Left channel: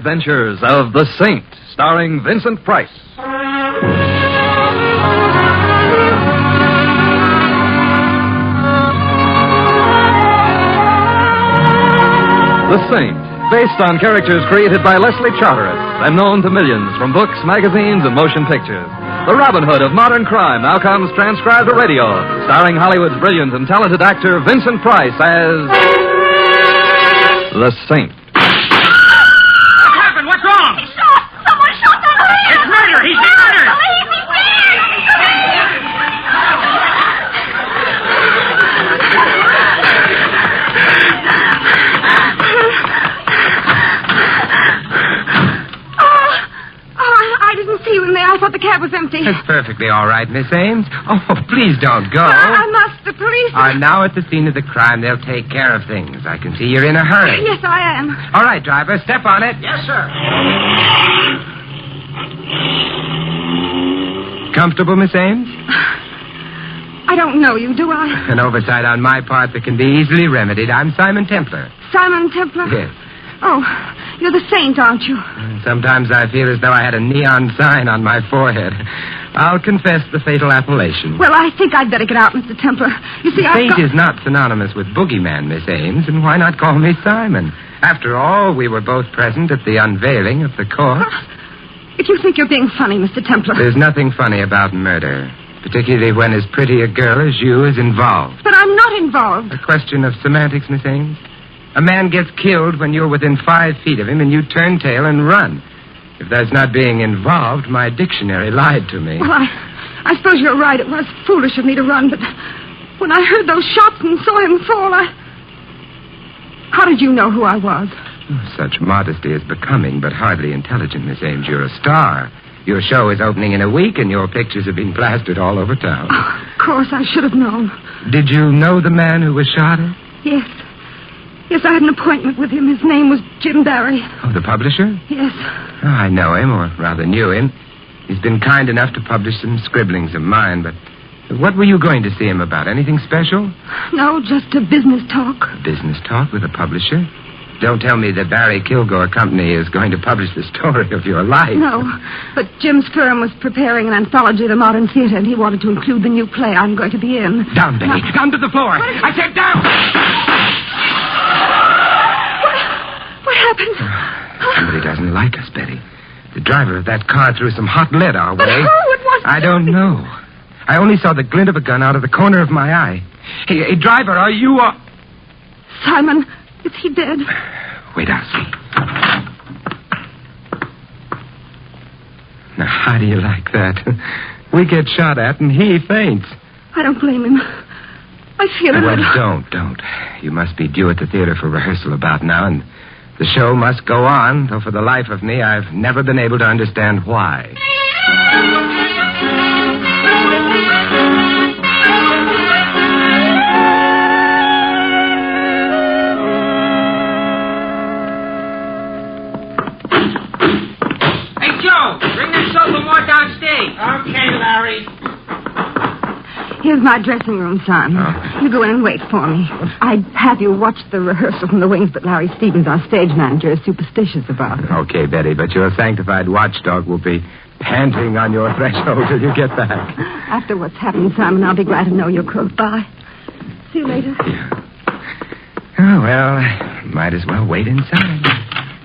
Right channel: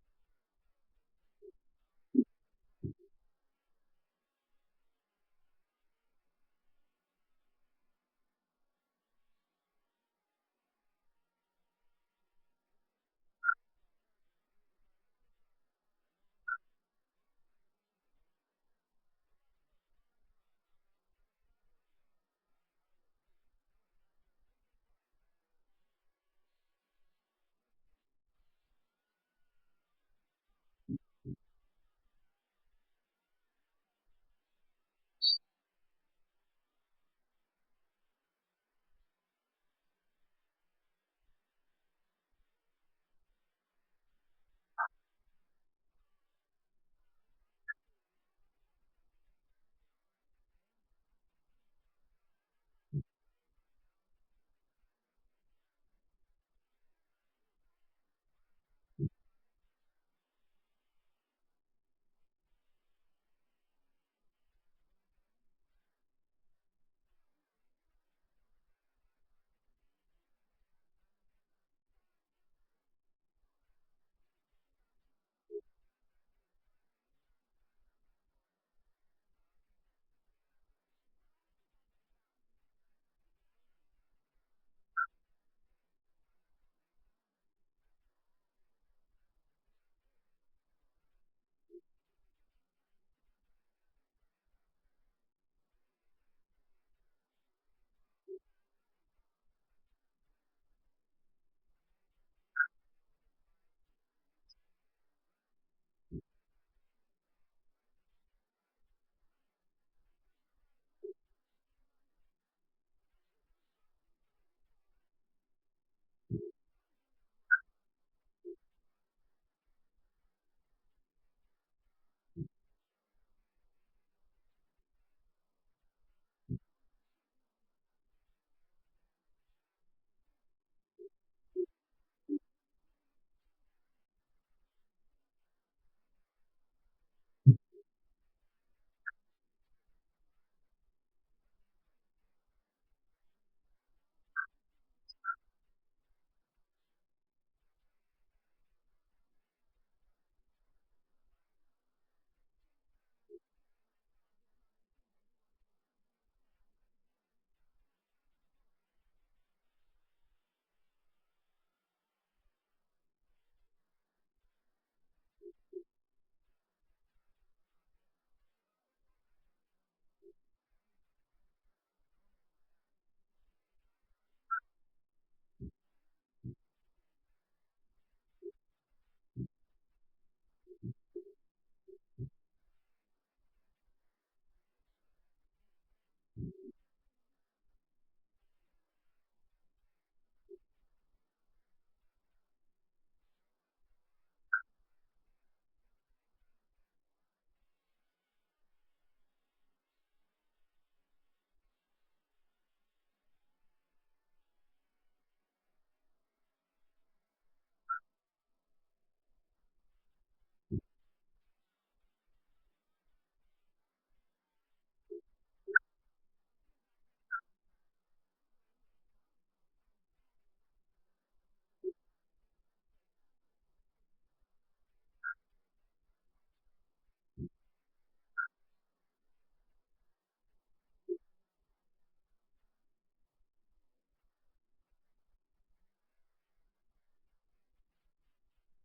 adventures of The Saint, starring Vincent Price. The Saint, based on characters created by Leslie Charteris and known to millions from books, magazines, and motion pictures. The Robin Hood of modern crime now comes transcribed to radio, starring Hollywood's brilliant and talented actor Vincent Price as The Saint. What happened? What's wrong? He's shot! Someone shot the man! It's murder! He's been murdered! I thought the cab was empty. That's perfectly all right, Miss Ames. Oh, please don't go. I must. The police are now at the scene of the crime. They'll take care of things. I can see you're in a hurry. Yes, I am. All right, driver, step on it. Yes, sir. Comfortable, Miss Ames? I don't know you, do I? An oversight on my part that can be easily remedied. I'm Simon Templar. Simon Templar? Yes. Oh, you're the Saint, aren't you? Sometimes I feel as though I had a neon sign on my forehead. I'll confess the fatal appellation. Well, I think I'd better get out, Mr. Templar. You see, Saint is not synonymous with boogeyman, Miss Ames, and why not call me Simon? After all, we were both present at the unveiling of the corpse. If you think you're being funny, Mr. Templar. There's nothing funny about murder, particularly when as pretty a girl as you is involved. But I'm not involved. A question of semantics, Miss Ames. A man gets killed when you're within 5 feet of him and you turn tail and run. If that's not being involved, my dictionary lied to me. Well, I suppose you're right. It was foolish of me to run, but when I heard those shots and saw him fall, How did you know who I was? Such modesty is becoming, but hardly intelligent, Miss Ames. You're a star. Your show is opening in a week, and your pictures have been plastered all over town. Oh, of course, I should have known. Did you know the man who was shot at? Yes. Yes, I had an appointment with him. His name was Jim Barry. Oh, the publisher? Yes. Oh, I know him, or rather knew him. He's been kind enough to publish some scribblings of mine, but what were you going to see him about? Anything special? No, just a business talk. Business talk with a publisher? Don't tell me the Barry Kilgore Company is going to publish the story of your life. No, but Jim's firm was preparing an anthology of the modern theater, and he wanted to include the new play I'm going to be in. Down, Betty. Down to the floor. I said down. What happened? Somebody doesn't like us, Betty. The driver of that car threw some hot lead our way. But who? It wasn't. I don't know. I only saw the glint of a gun out of the corner of my eye. Hey, driver, are you... Simon, is he dead? Wait, I'll see. Now, how do you like that? We get shot at and he faints. I don't blame him. I feel a Well, little... don't. You must be due at the theater for rehearsal about now, and the show must go on, though for the life of me, I've never been able to understand why. Hey, Joe, bring that sofa more downstage. Okay, Larry. Here's my dressing room, son. Oh. You go in and wait for me. I'd have you watch the rehearsal from the wings, but Larry Stevens, our stage manager, is superstitious about it. Okay, Betty, but your sanctified watchdog will be panting on your threshold till you get back. After what's happened, Simon, I'll be glad to know you're close by. See you later. Yeah. Oh, well, might as well wait inside.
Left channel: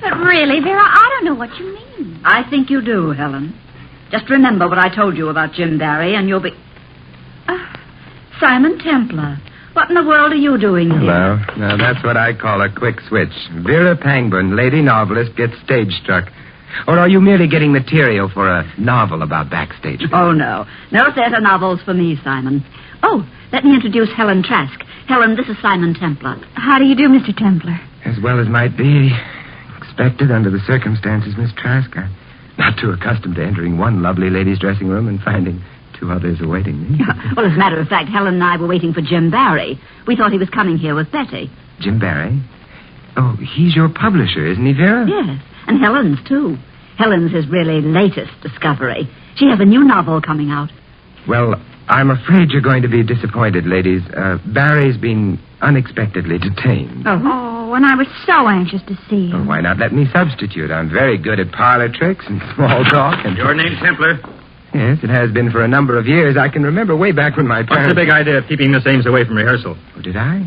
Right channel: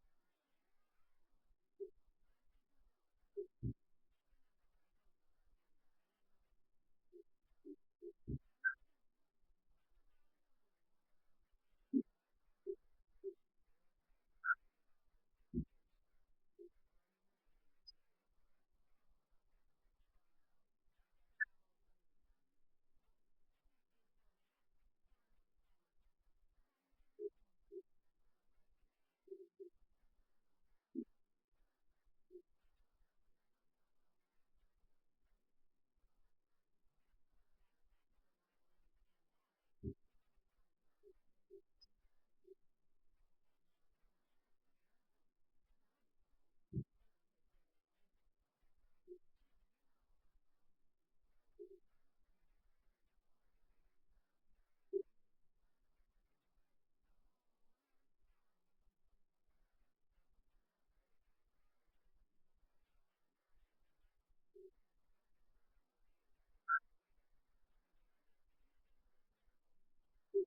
But really, Vera, I don't know what you mean. I think you do, Helen. Just remember what I told you about Jim Barry, and you'll be... Simon Templar. What in the world are you doing here? Hello. Now, that's what I call a quick switch. Vera Pangburn, lady novelist, gets stage struck. Or are you merely getting material for a novel about backstage? Oh, no. No theater novels for me, Simon. Oh, let me introduce Helen Trask. Helen, this is Simon Templar. How do you do, Mr. Templar? As well as might be expected under the circumstances, Miss Trask. I'm not too accustomed to entering one lovely lady's dressing room and finding 2 others awaiting me. Well, as a matter of fact, Helen and I were waiting for Jim Barry. We thought he was coming here with Betty. Jim Barry? Oh, he's your publisher, isn't he, Vera? Yes, and Helen's, too. Helen's his really latest discovery. She has a new novel coming out. Well, I'm afraid you're going to be disappointed, ladies. Barry's been unexpectedly detained. Oh, Oh, and I was so anxious to see Well, him. why not let me substitute? I'm very good at parlor tricks and small talk. And Your name's Templar. Yes, it has been for a number of years. I can remember way back when my What's parents... the big idea of keeping Miss Ames away from rehearsal? Oh, did I?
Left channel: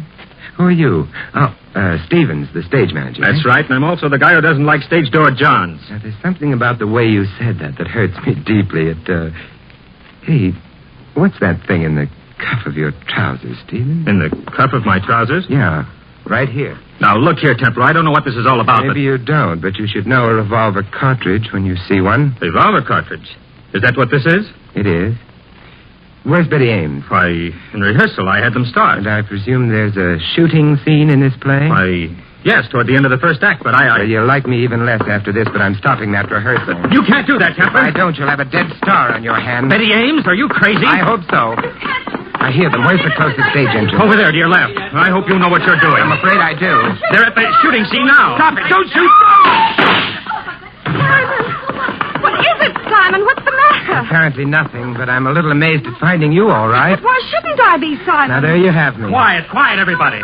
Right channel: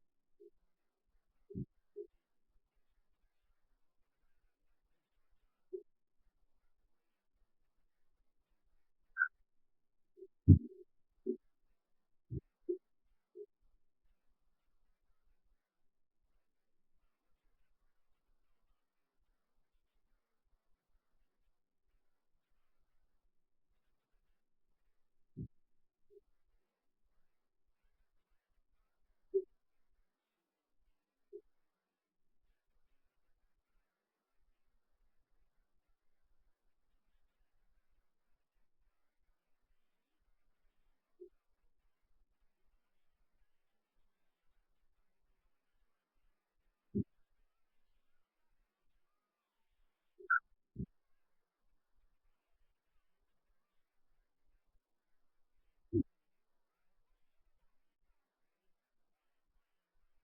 Who are you? Oh, Stevens, the stage manager. That's eh? right, and I'm also the guy who doesn't like stage door Johns. Now, there's something about the way you said that hurts me deeply. Hey, what's that thing in the cuff of your trousers, Stevens? In the cuff of my trousers? Yeah, right here. Now, look here, Templar. I don't know what this is all about, Maybe you don't, but you should know a revolver cartridge when you see one. but... Revolver cartridge. Is that what this is? It is. Where's Betty Ames? Why, in rehearsal, I had them start. And I presume there's a shooting scene in this play? Why, yes, toward the end of the first act, but I... Well, you'll like me even less after this, but I'm stopping that rehearsal. You can't do that, If Templar. I don't, you'll have a dead star on your hand. Betty Ames, are you crazy? I hope so. I hear them. Where's the closest stage entrance? Over there, to your left. I hope you know what you're doing. I'm afraid I do. They're at the shooting scene now. Stop it. Don't shoot. Simon! What is it, Simon? What's the matter? Apparently nothing, but I'm a little amazed at finding you all right. But why shouldn't I be, Simon? Now, there you have me. Quiet, quiet, everybody.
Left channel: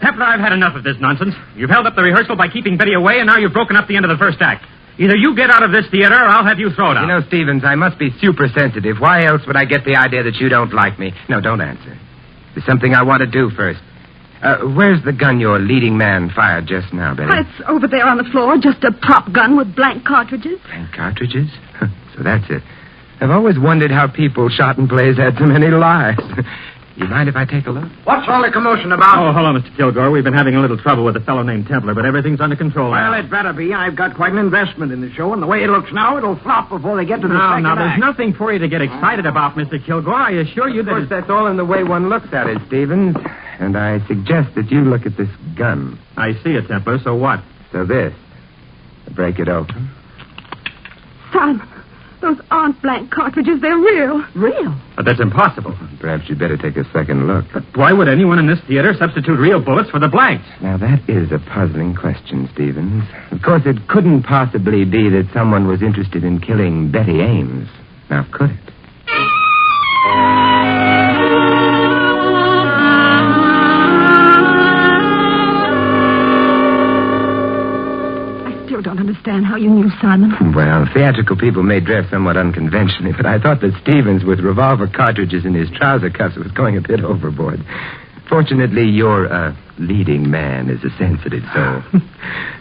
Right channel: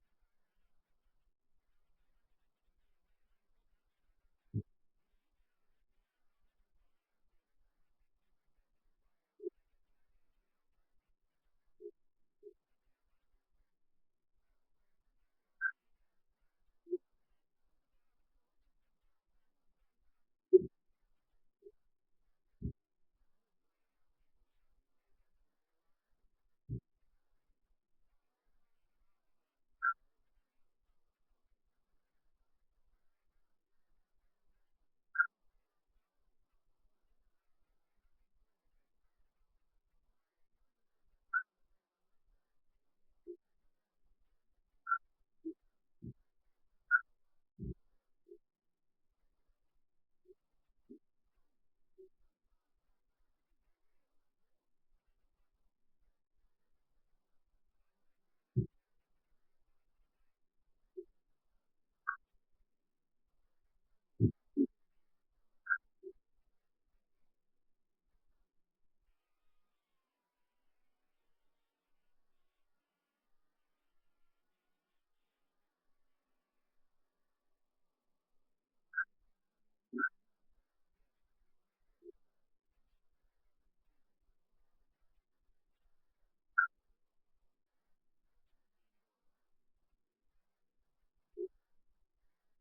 Templar, I've had enough of this nonsense. You've held up the rehearsal by keeping Betty away, and now you've broken up the end of the first act. Either you get out of this theater, or I'll have you thrown out. You know, Stevens, I must be super sensitive. Why else would I get the idea that you don't like me? No, don't answer. There's something I want to do first. Where's the gun your leading man fired just now, Betty? Why, it's over there on the floor, just a prop gun with blank cartridges. Blank cartridges? So that's it. I've always wondered how people shot in plays had so many lives. You mind if I take a look? What's all the commotion about? Oh, hello, Mr. Kilgore. We've been having a little trouble with a fellow named Templar, but everything's under control Well, now. it better be. I've got quite an investment in the show, and the way it looks now, it'll flop before they get to the second Now, there's act. nothing for you to get excited about, Mr. Kilgore. I assure you Of that... course, that's all in the way one looks at it, Stevens. And I suggest that you look at this gun. I see it, Templar. So what? So this. Break it open. Simon, those aren't blank cartridges. They're real. Real? But that's impossible. Perhaps you'd better take a second look. But why would anyone in this theater substitute real bullets for the blanks? Now, that is a puzzling question, Stevens. Of course, it couldn't possibly be that someone was interested in killing Betty Ames. Now, could it? I still don't understand how you knew, Simon. Well, theatrical people may dress somewhat unconventionally, but I thought that Stevens, with revolver cartridges in his trouser cuffs, was going a bit overboard. Fortunately, your leading man is a sensitive soul.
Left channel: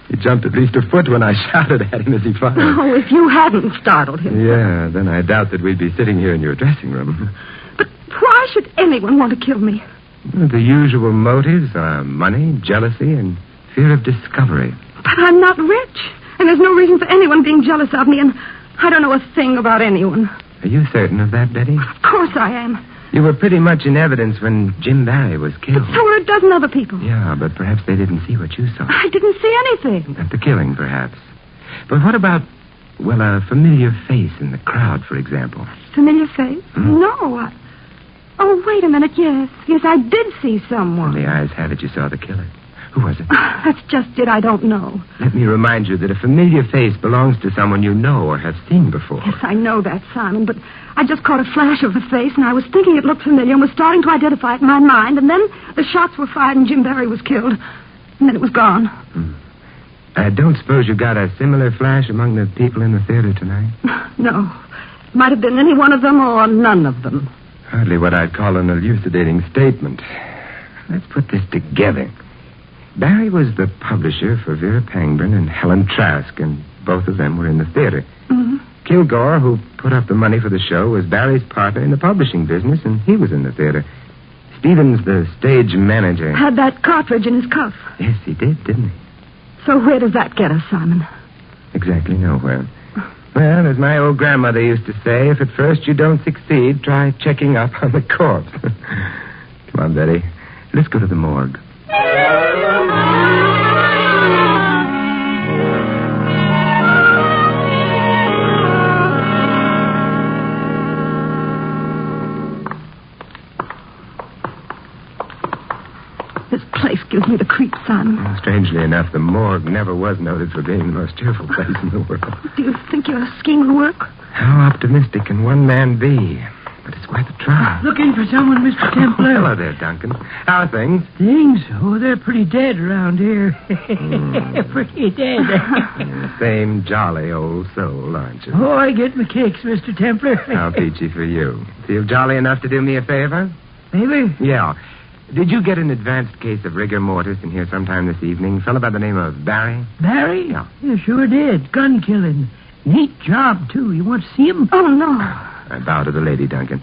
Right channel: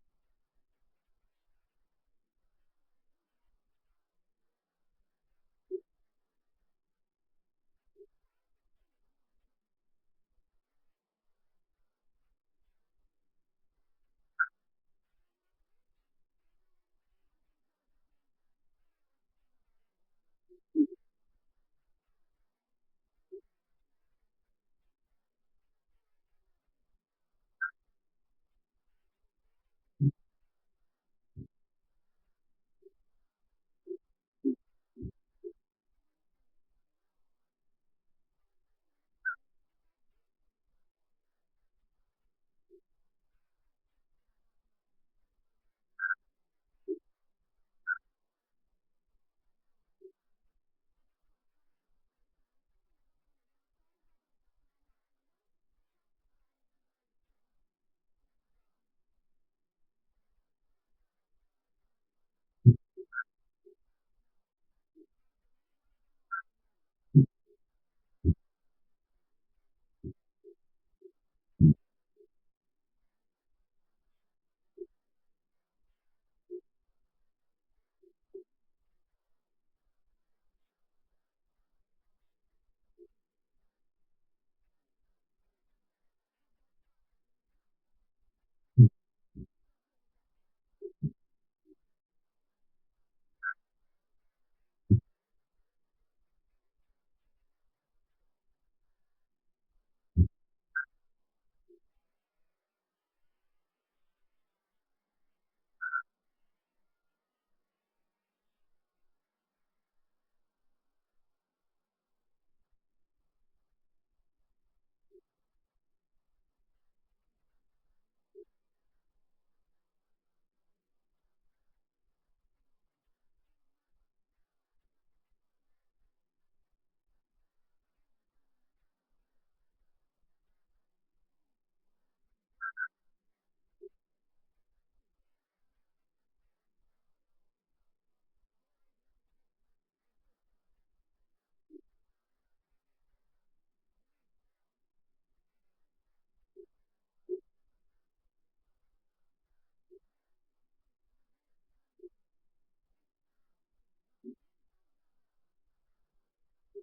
He jumped at least a foot when I shouted at him as he fired. Oh, if you hadn't startled him. Yeah, then I doubt that we'd be sitting here in your dressing room. But why should anyone want to kill me? The usual motives are money, jealousy, and fear of discovery. But I'm not rich, and there's no reason for anyone being jealous of me, and I don't know a thing about anyone. Are you certain of that, Betty? Of course I am. You were pretty much in evidence when Jim Barry was killed. But so were a dozen other people. Yeah, but perhaps they didn't see what you saw. I didn't see anything. At the killing, perhaps. But what about, well, a familiar face in the crowd, for example? Familiar face? No. Oh, wait a minute. Yes, I did see someone. The eyes have it you saw the killer. Who was it? That's just it. I don't know. Let me remind you that a familiar face belongs to someone you know or have seen before. Yes, I know that, Simon, but I just caught a flash of the face, and I was thinking it looked familiar and was starting to identify it in my mind, and then the shots were fired and Jim Barry was killed, and then it was gone. I don't suppose you got a similar flash among the people in the theater tonight? No. Might have been any one of them or none of them. Hardly what I'd call an elucidating statement. Let's put this together. Barry was the publisher for Vera Pangburn and Helen Trask, and both of them were in the theater. Mm-hmm. Kilgore, who put up the money for the show, was Barry's partner in the publishing business, and he was in the theater. Stevens, the stage manager. Had that cartridge in his cuff. Yes, he did, didn't he? So where does that get us, Simon? Exactly nowhere. Well, as my old grandmother used to say, if at first you don't succeed, try checking up on the corpse. Come on, Betty. Let's go to the morgue. This place gives me the creeps, Simon. Strangely enough, the morgue never was noted for being the most cheerful place in the world. Do you think your scheme will work? How optimistic can one man be? But it's worth a try. Looking for someone, Mr. Templar? Hello there, Duncan. How are things? Things? Oh, they're pretty dead around here. Pretty dead. Same jolly old soul, aren't you? Oh, I get my kicks, Mr. Templar. How peachy for you. Feel jolly enough to do me a favor? Maybe? Yeah. Did you get an advanced case of rigor mortis in here sometime this evening? A fellow by the name of Barry? Barry? Yeah. Yeah, sure did. Gun killing. Neat job, too. You want to see him? Oh, no. I bow to the lady, Duncan.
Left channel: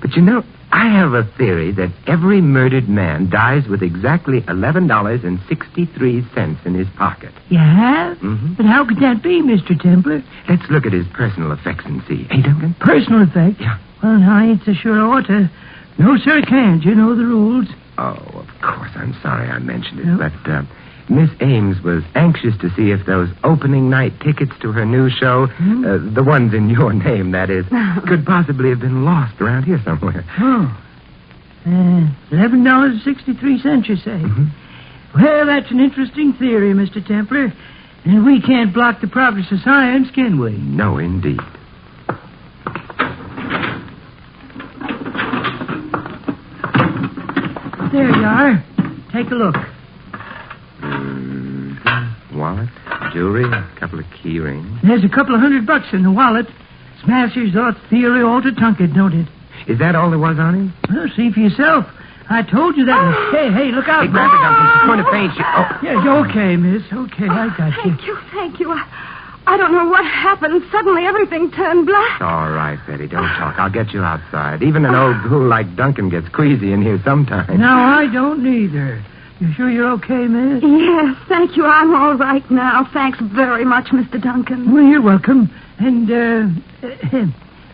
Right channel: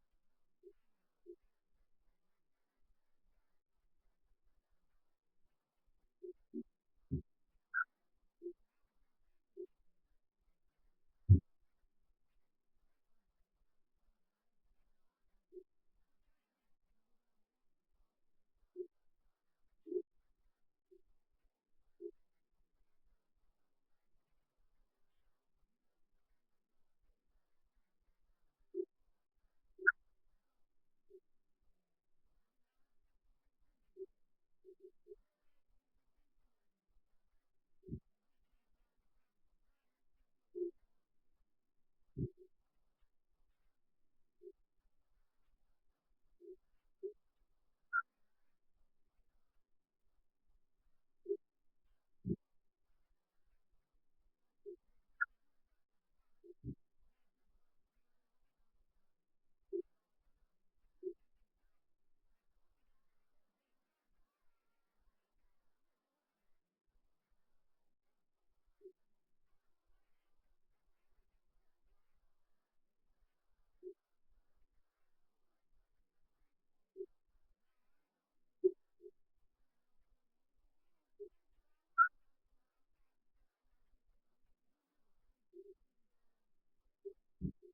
But you know, I have a theory that every murdered man dies with exactly $11.63 in his pocket. You have? Mm-hmm. But how could that be, Mr. Templar? Let's look at his personal effects and see. Hey, Duncan? Personal effect? Yeah. Well, I ain't so sure I ought to. No, sir, can't. You know the rules. Oh, of course. I'm sorry I mentioned it. Yep. But Miss Ames was anxious to see if those opening night tickets to her new show, the ones in your name, that is, could possibly have been lost around here somewhere. Oh. $11.63, you say? Mm-hmm. Well, that's an interesting theory, Mr. Templar. And we can't block the progress of science, can we? No, indeed. There you are. Take a look. Wallet, jewelry, a couple of key rings. There's a couple of $100 in the wallet. Smashers thought theory altered Tunket, don't it? Is that all there was on him? Well, see for yourself. I told you that. Hey, look out. Hey, grab her, Duncan. She's going to faint. Yeah, you're okay, miss. Okay, I got you. Thank you. I don't know what happened. Suddenly everything turned black. All right, Betty, don't talk. I'll get you outside. Even an old ghoul like Duncan gets queasy in here sometimes. No, I don't neither. You sure you're okay, miss? Yes, thank you. I'm all right now. Thanks very much, Mr. Duncan. Well, you're welcome. And,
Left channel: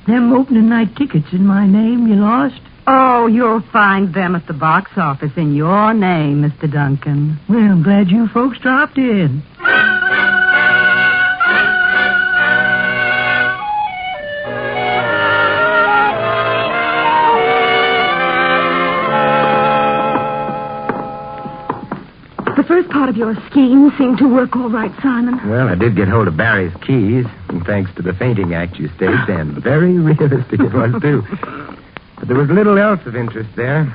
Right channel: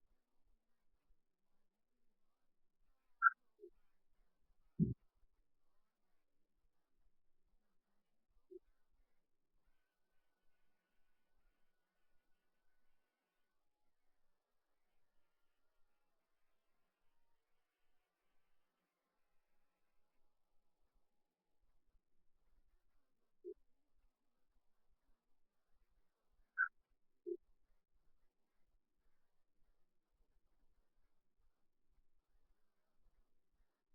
them opening night tickets in my name you lost? Oh, you'll find them at the box office in your name, Mr. Duncan. Well, I'm glad you folks dropped in. The first part of your scheme seemed to work all right, Simon. Well, I did get hold of Barry's keys, and thanks to the fainting act you staged, and very realistic it was, too. But there was little else of interest there.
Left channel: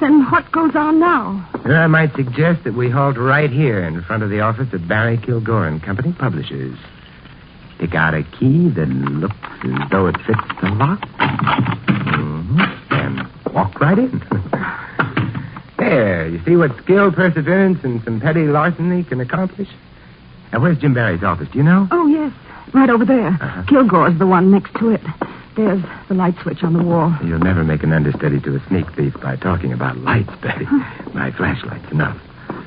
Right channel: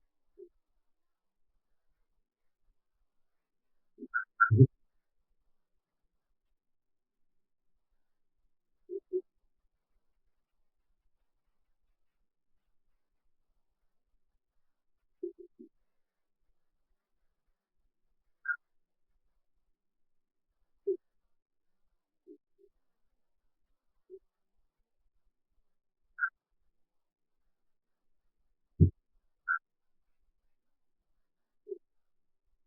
Then what goes on now? And I might suggest that we halt right here in front of the office of Barry Kilgore and Company, Publishers. Pick out a key that looks as though it fits the lock. And walk right in. There, you see what skill, perseverance, and some petty larceny can accomplish? Now, where's Jim Barry's office? Do you know? Oh, yes. Right over there. Uh-huh. Kilgore's the one next to it. There's the light switch on the wall. You'll never make an understudy to a sneak thief by talking about lights, Betty. My flashlight's enough.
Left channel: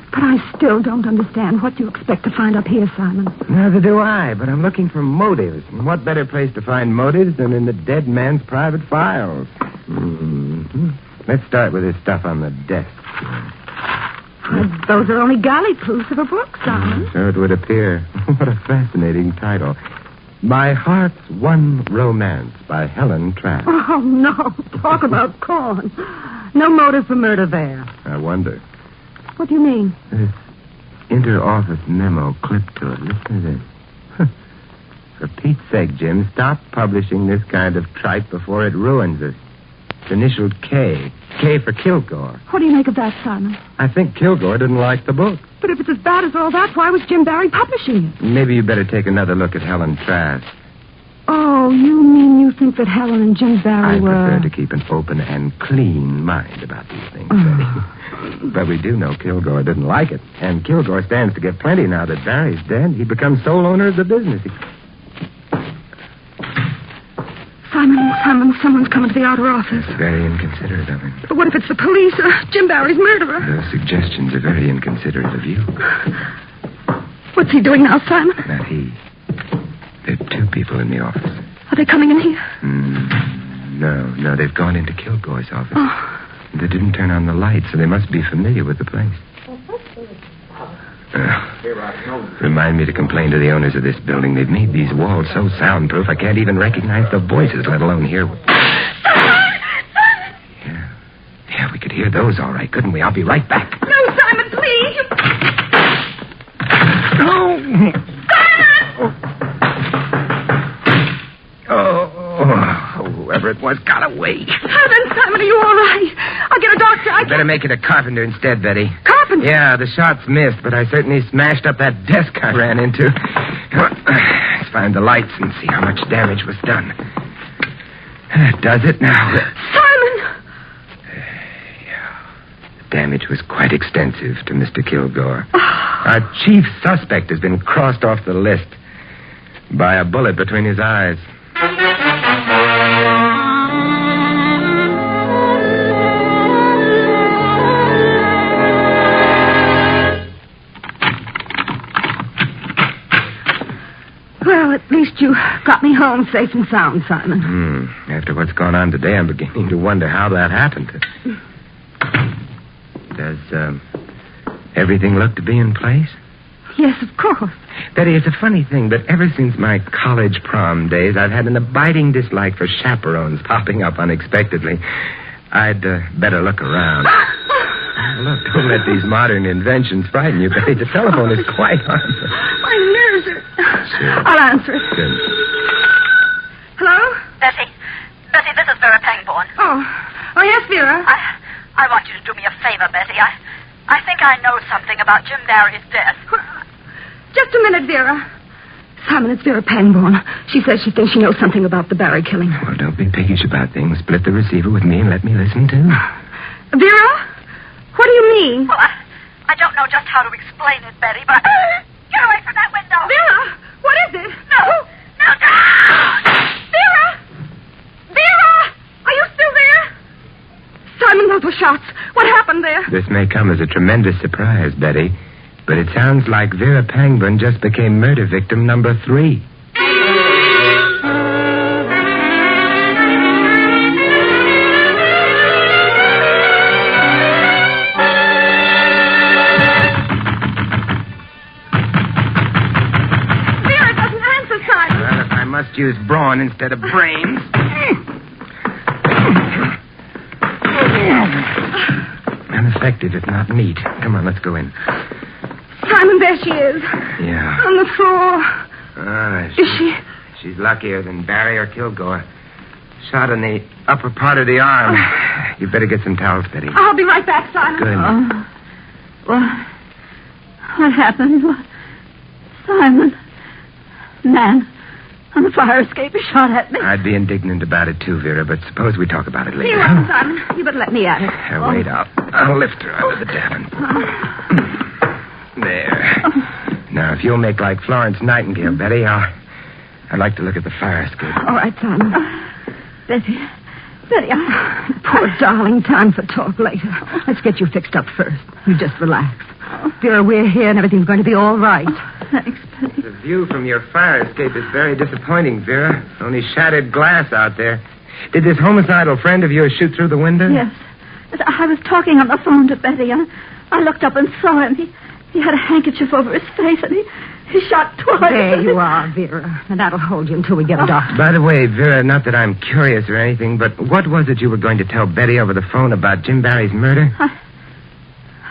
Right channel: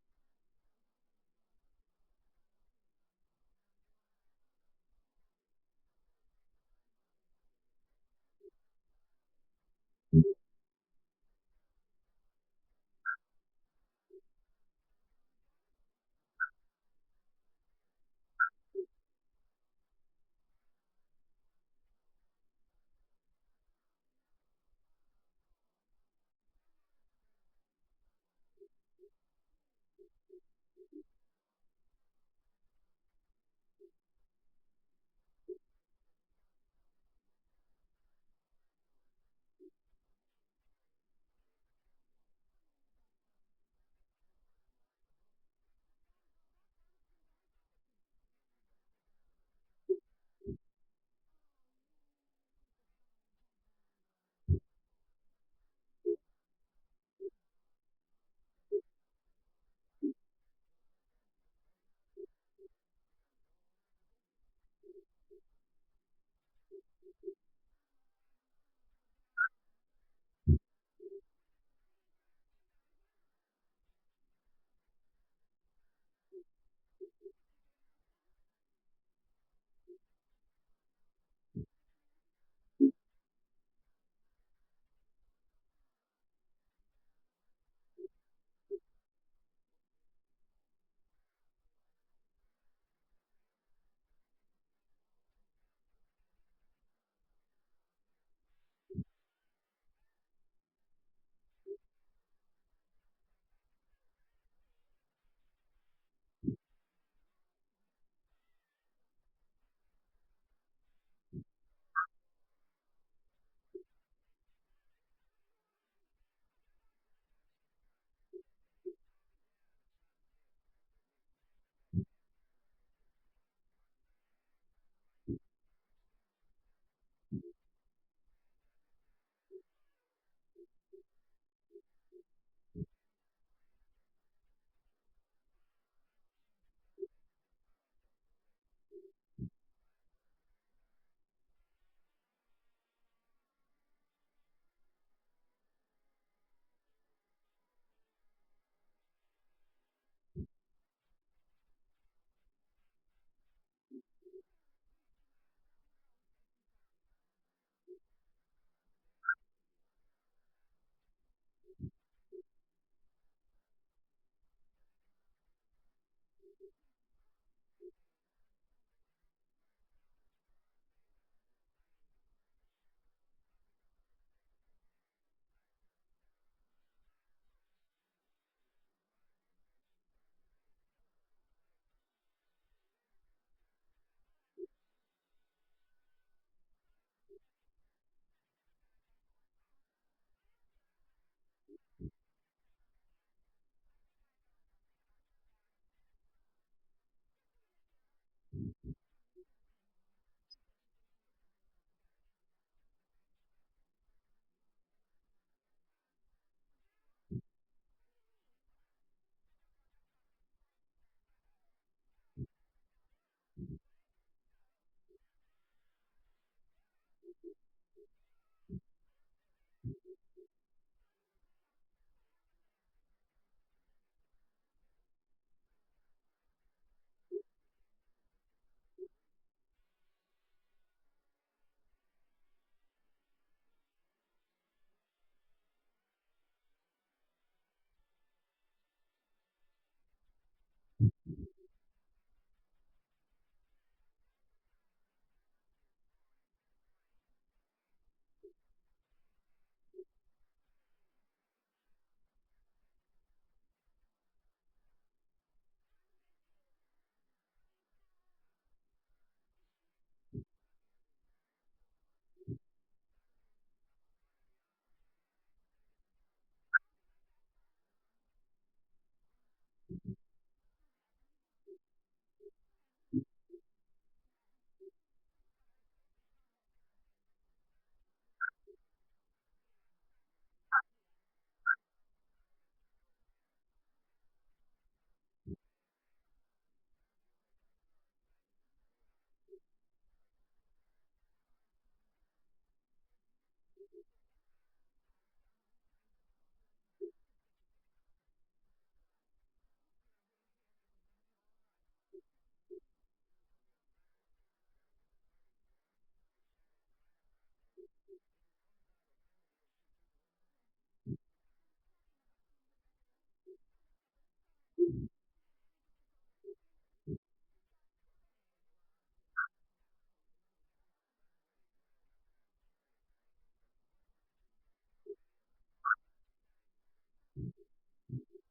But I still don't understand what you expect to find up here, Simon. Neither do I, but I'm looking for motives. And what better place to find motives than in the dead man's private files? Mm-hmm. Let's start with this stuff on the desk. Those are only galley proofs of a book, Simon. So it would appear. What a fascinating title. My Heart's One Romance by Helen Trask. Oh, no. Talk about corn. No motive for murder there. I wonder. What do you mean? This inter-office memo clipped to it. Listen to this. For Pete's sake, Jim, stop publishing this kind of tripe before it ruins us. It's initialed K. K for Kilgore. What do you make of that, Simon? I think Kilgore didn't like the book. But if it's as bad as all that, why was Jim Barry publishing it? Maybe you better take another look at Helen Trask. Oh, you mean you think that Helen and Jim Barry I were... prefer to keep an open and clean mind about these things, Betty. But we do know Kilgore didn't like it. And Kilgore stands to get plenty now that Barry's dead. He becomes sole owner of the business. Simon, someone's coming to the outer office. That's very inconsiderate of him. But what if it's the police or Jim Barry's murderer? Those suggestions are very inconsiderate of you. What's he doing now, Simon? Not he. There are two people in the office. Are they coming in here? No, they've gone into Kilgore's office. Oh. They didn't turn on the light, so they must be familiar with the place. Remind me to complain to the owners of this building. They've made these walls so soundproof I can't even recognize the voices, let alone hear... Yeah, we could hear those all right, couldn't we? I'll be right back. No, Simon, please. No! Oh, whoever it was has got away. Simon, are you all right? I'll get a doctor. Better make it a carpenter instead, Betty. Carpenter? Yeah, the shots missed, but I certainly smashed up that desk I ran into. Let's find the lights and see how much damage was done. That does it now. Simon! The damage was quite extensive to Mr. Kilgore. Our chief suspect has been crossed off the list by a bullet between his eyes. Well, at least you got me home safe and sound, Simon. After what's gone on today, I'm beginning to wonder how that happened. Does everything look to be in place? Yes, of course. Betty, it's a funny thing, but ever since my college prom days, I've had an abiding dislike for chaperones popping up unexpectedly. I'd better look around. Look, don't let these modern inventions frighten you, Betty. The telephone is quite harmless. My nerves are... Sure. I'll answer it. Good. Hello? Betty, this is Vera Pangborn. Oh, yes, Vera. I want you to do me a favor, Betty. I think I know something about Jim Barry's death. Just a minute, Vera. Simon, it's Vera Pangborn. She says she thinks she knows something about the Barry killing. Well, don't be piggish about things. Split the receiver with me and let me listen, too. Vera? What do you mean? Well, I don't know just how to explain it, Betty, but... Get away from that window! Vera, what is it? No! Vera! Vera! Are you still there? Simon, those were shots. What happened there? This may come as a tremendous surprise, Betty, but it sounds like Vera Pangborn just became murder victim number 3. Vera doesn't answer, Simon. Well, if I must use brawn instead of brains. Ineffective, if not neat. Come on, let's go in. Simon, there she is. Yeah. On the floor. Is she? She's luckier than Barry or Kilgore. Shot in the upper part of the arm. You better get some towels, Betty. I'll be right back, Simon. Good. What happened? Simon. Man on the fire escape shot at me. I'd be indignant about it, too, Vera, but suppose we talk about it later. Here you are, Simon. You better let me at it. Wait, I'll lift her out of the davin. There. Now, if you'll make like Florence Nightingale, Betty, I'd like to look at the fire escape. All right, Simon. Betty, Poor darling, time for talk later. Let's get you fixed up first. You just relax. Vera, we're here and everything's going to be all right. thanks, Betty. The view from your fire escape is very disappointing, Vera. Only shattered glass out there. Did this homicidal friend of yours shoot through the window? Yes. I was talking on the phone to Betty. I looked up and saw him. He had a handkerchief over his face, and he shot twice. There you are, Vera. And that'll hold you until we get a doctor. By the way, Vera, not that I'm curious or anything, but what was it you were going to tell Betty over the phone about Jim Barry's murder?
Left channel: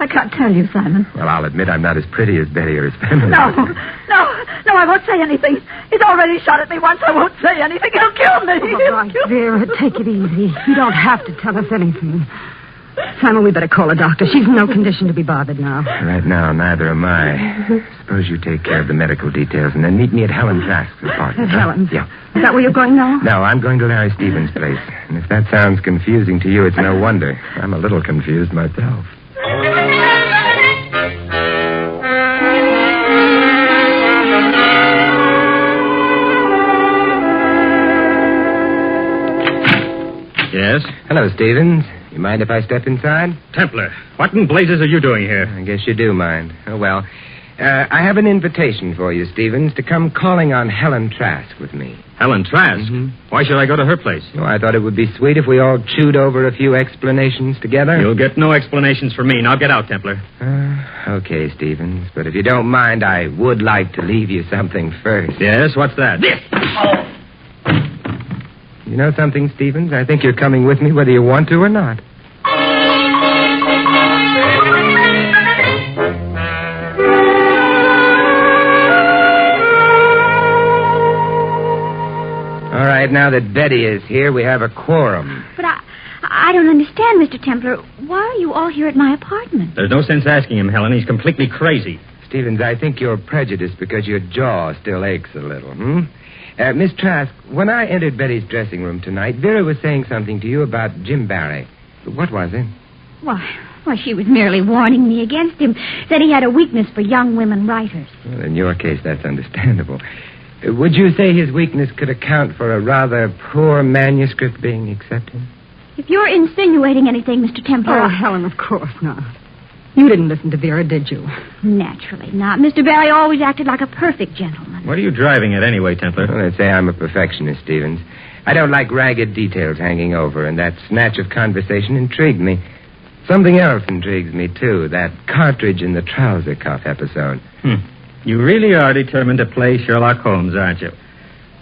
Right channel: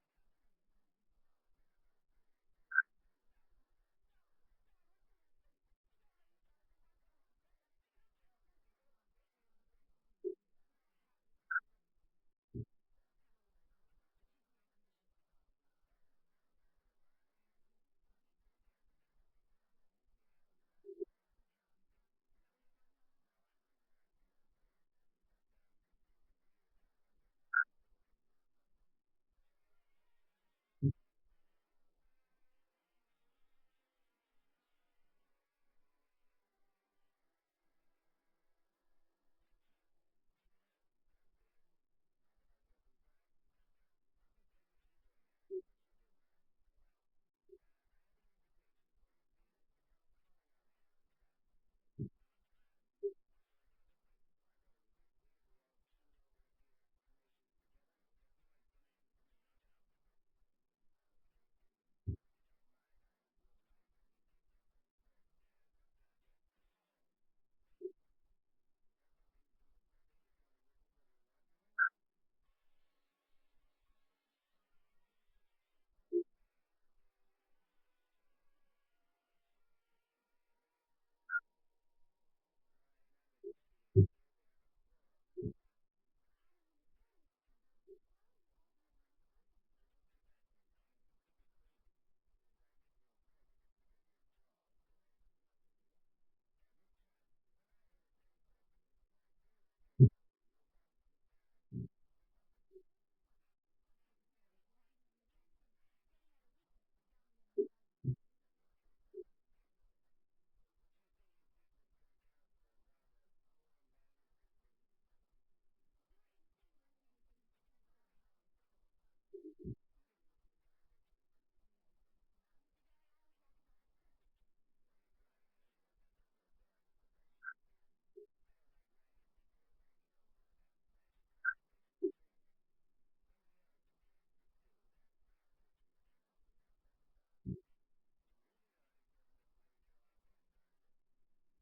I can't tell you, Simon. Well, I'll admit I'm not as pretty as Betty or as feminine. No, I won't say anything. He's already shot at me once. I won't say anything. He'll kill me. All right, Vera, take it easy. You don't have to tell us anything. Simon, we better call a doctor. She's in no condition to be bothered now. Right now, neither am I. Suppose you take care of the medical details and then meet me at Helen Trask's apartment. At Helen's? Yeah. Is that where you're going now? No, I'm going to Larry Stevens' place. And if that sounds confusing to you, it's no wonder. I'm a little confused myself. Yes? Hello, Stevens. You mind if I step inside? Templar, what in blazes are you doing here? I guess you do mind. Oh, well. I have an invitation for you, Stevens, to come calling on Helen Trask with me. Helen Trask? Why should I go to her place? Oh, I thought it would be sweet if we all chewed over a few explanations together. You'll get no explanations from me. Now get out, Templar. Okay, Stevens. But if you don't mind, I would like to leave you something first. Yes, what's that? You know something, Stevens? I think you're coming with me whether you want to or not. All right, right, now that Betty is here, we have a quorum. But I don't understand, Mr. Templar. Why are you all here at my apartment? There's no sense asking him, Helen. He's completely crazy. Stevens, I think you're prejudiced because your jaw still aches a little, Miss Trask, when I entered Betty's dressing room tonight, Vera was saying something to you about Jim Barry. What was it? Why, she was merely warning me against him. Said he had a weakness for young women writers. Well, in your case, that's understandable. Would you say his weakness could account for a rather poor manuscript being accepted? If you're insinuating anything, Mr. Templar... Oh, Helen, of course not. You didn't listen to Vera, did you? Naturally not. Mr. Barry always acted like a perfect gentleman. What are you driving at anyway, Templar? Well, let's say I'm a perfectionist, Stevens. I don't like ragged details hanging over, and that snatch of conversation intrigued me. Something else intrigues me, too, that cartridge in the trouser cuff episode. You really are determined to play Sherlock Holmes, aren't you?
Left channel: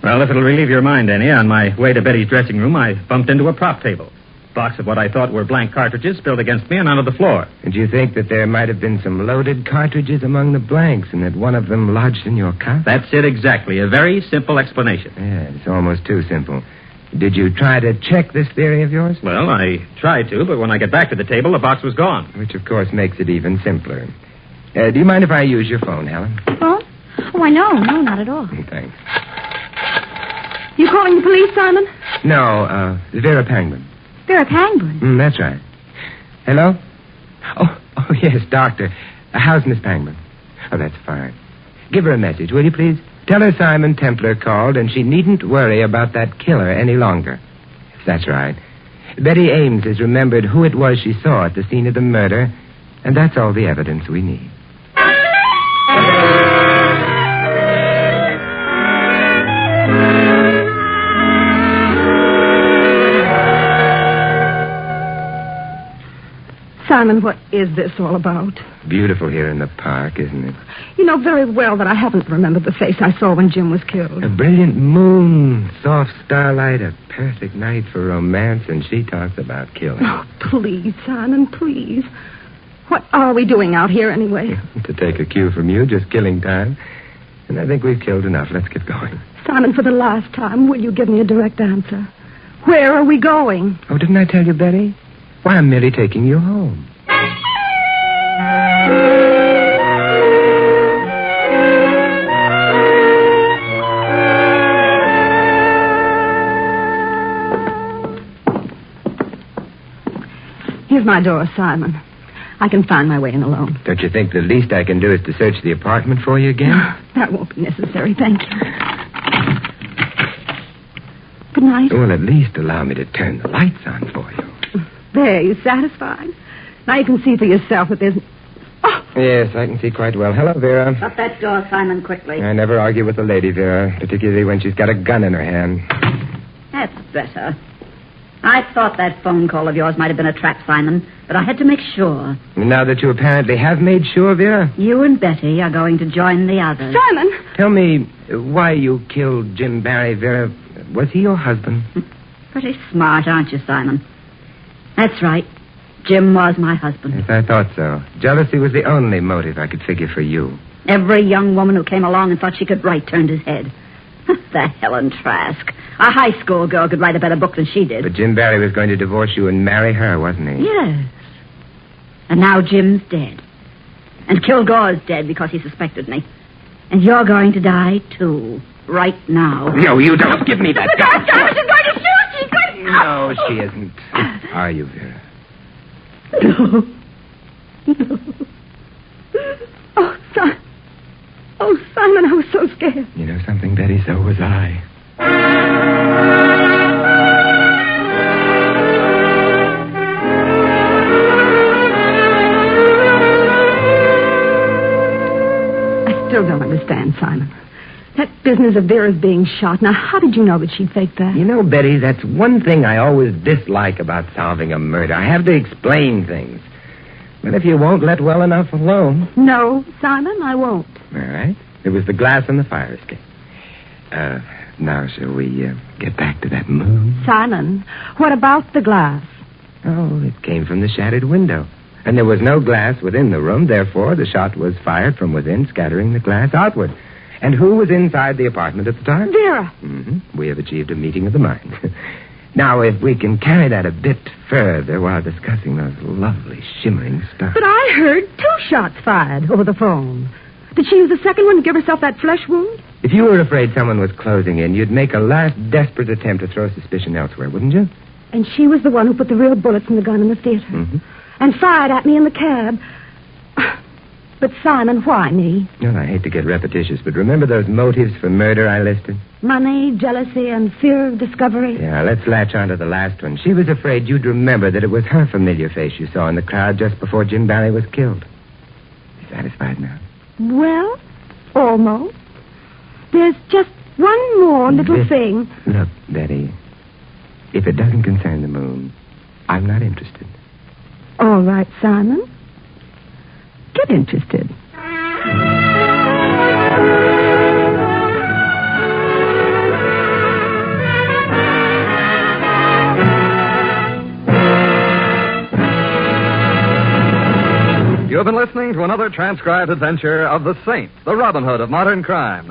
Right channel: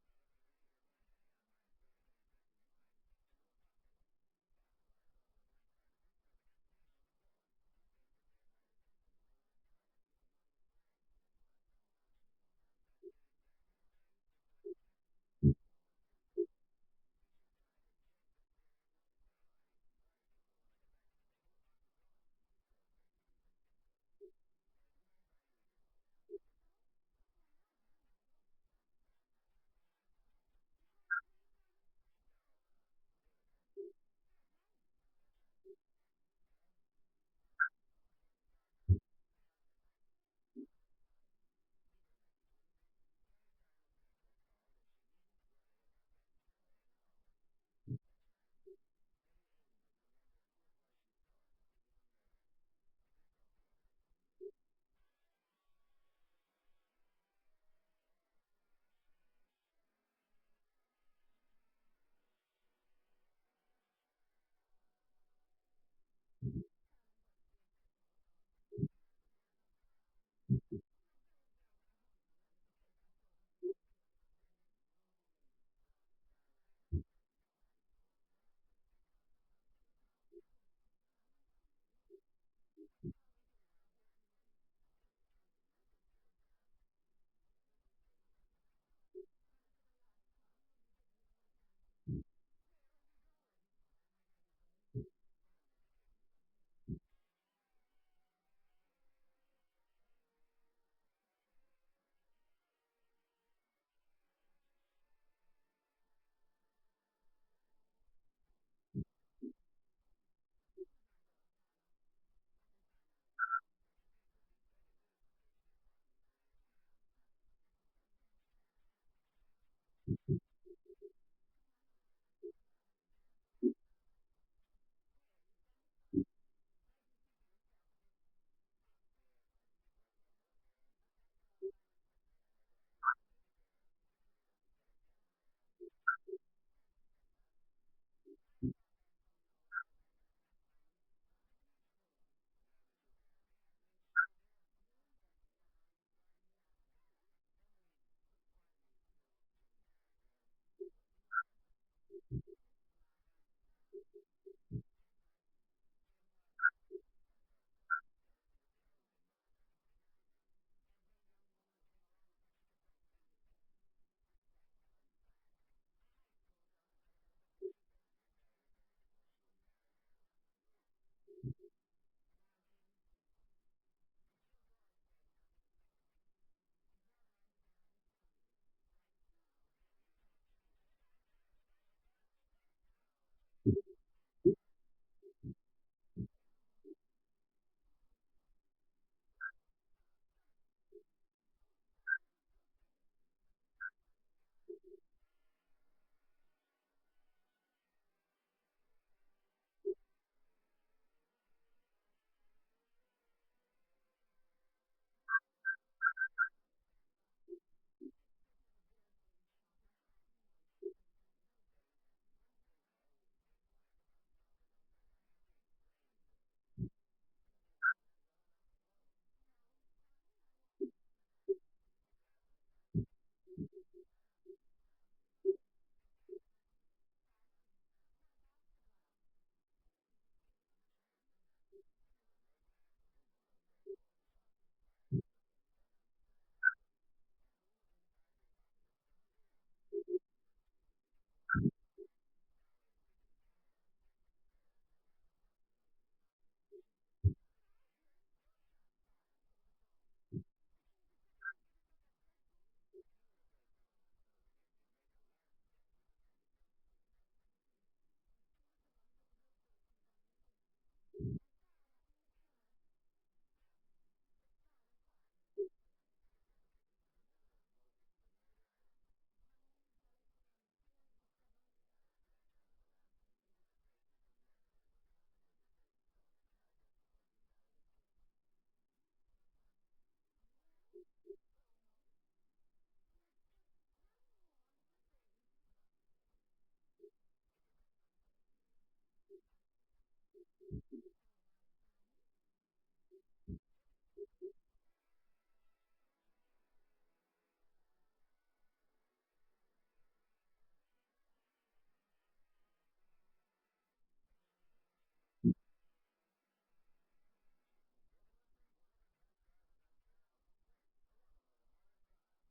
Well, if it'll relieve your mind any, on my way to Betty's dressing room, I bumped into a prop table. Box of what I thought were blank cartridges spilled against me and onto the floor. And you think that there might have been some loaded cartridges among the blanks and that one of them lodged in your cuff? That's it exactly. A very simple explanation. Yeah, it's almost too simple. Did you try to check this theory of yours? Well, I tried to, but when I got back to the table, the box was gone. Which, of course, makes it even simpler. Do you mind if I use your phone, Helen? Phone? Oh, why, no, not at all. Thanks. You calling the police, Simon? No, Vera Pangborn. Vera Pangborn? That's right. Hello? Oh, yes, Doctor. How's Miss Pangborn? Oh, that's fine. Give her a message, will you, please? Tell her Simon Templar called, and she needn't worry about that killer any longer. That's right. Betty Ames has remembered who it was she saw at the scene of the murder, and that's all the evidence we need. Simon, what is this all about? Beautiful here in the park, isn't it? You know very well that I haven't remembered the face I saw when Jim was killed. A brilliant moon, soft starlight, a perfect night for romance, and she talks about killing. Oh, please, Simon, please. What are we doing out here anyway? To take a cue from you, just killing time. And I think we've killed enough. Let's get going. Simon, for the last time, will you give me a direct answer? Where are we going? Oh, didn't I tell you, Betty? Why, I'm merely taking you home. Here's my door, Simon. I can find my way in alone. Don't you think the least I can do is to search the apartment for you again? That won't be necessary, thank you. Good night. Well, at least allow me to turn the lights on for you. There, you satisfied? Now you can see for yourself that there's... Oh! Yes, I can see quite well. Hello, Vera. Shut that door, Simon, quickly. I never argue with a lady, Vera, particularly when she's got a gun in her hand. That's better. I thought that phone call of yours might have been a trap, Simon, but I had to make sure. Now that you apparently have made sure, Vera? You and Betty are going to join the others. Simon! Tell me why you killed Jim Barry, Vera. Was he your husband? Pretty smart, aren't you, Simon? That's right. Jim was my husband. Yes, I thought so. Jealousy was the only motive I could figure for you. Every young woman who came along and thought she could write turned his head. The Helen Trask. A high school girl could write a better book than she did. But Jim Barry was going to divorce you and marry her, wasn't he? Yes. And now Jim's dead. And Kilgore's dead because he suspected me. And you're going to die, too. Right now. No, you don't. Give me that gun. She's going to shoot. She's going to... No, she isn't. Are you, Vera? No. No. Oh, Simon, I was so scared. You know something, Betty? So was I. I still don't understand, Simon. That business of Vera's being shot. Now, how did you know that she faked that? You know, Betty, that's one thing I always dislike about solving a murder. I have to explain things. But if you won't let well enough alone... No, Simon, I won't. All right. It was the glass in the fire escape. Now, shall we get back to that moon? Simon, what about the glass? Oh, it came from the shattered window. And there was no glass within the room. Therefore, the shot was fired from within, scattering the glass outward. And who was inside the apartment at the time? Vera. Mm-hmm. We have achieved a meeting of the mind. Now, if we can carry that a bit further while discussing those lovely shimmering stars. But I heard 2 shots fired over the phone. Did she use the second one to give herself that flesh wound? If you were afraid someone was closing in, you'd make a last desperate attempt to throw suspicion elsewhere, wouldn't you? And she was the one who put the real bullets in the gun in the theater. Mm-hmm. And fired at me in the cab. But Simon, why me? Well, I hate to get repetitious, but remember those motives for murder I listed? Money, jealousy, and fear of discovery. Yeah, let's latch on to the last one. She was afraid you'd remember that it was her familiar face you saw in the crowd just before Jim Barry was killed. You satisfied now? Well, almost. There's just one more little thing. Look, Betty, if it doesn't concern the moon, I'm not interested. All right, Simon. Get interested. You have been listening to another transcribed adventure of the Saint, the Robin Hood of modern crime.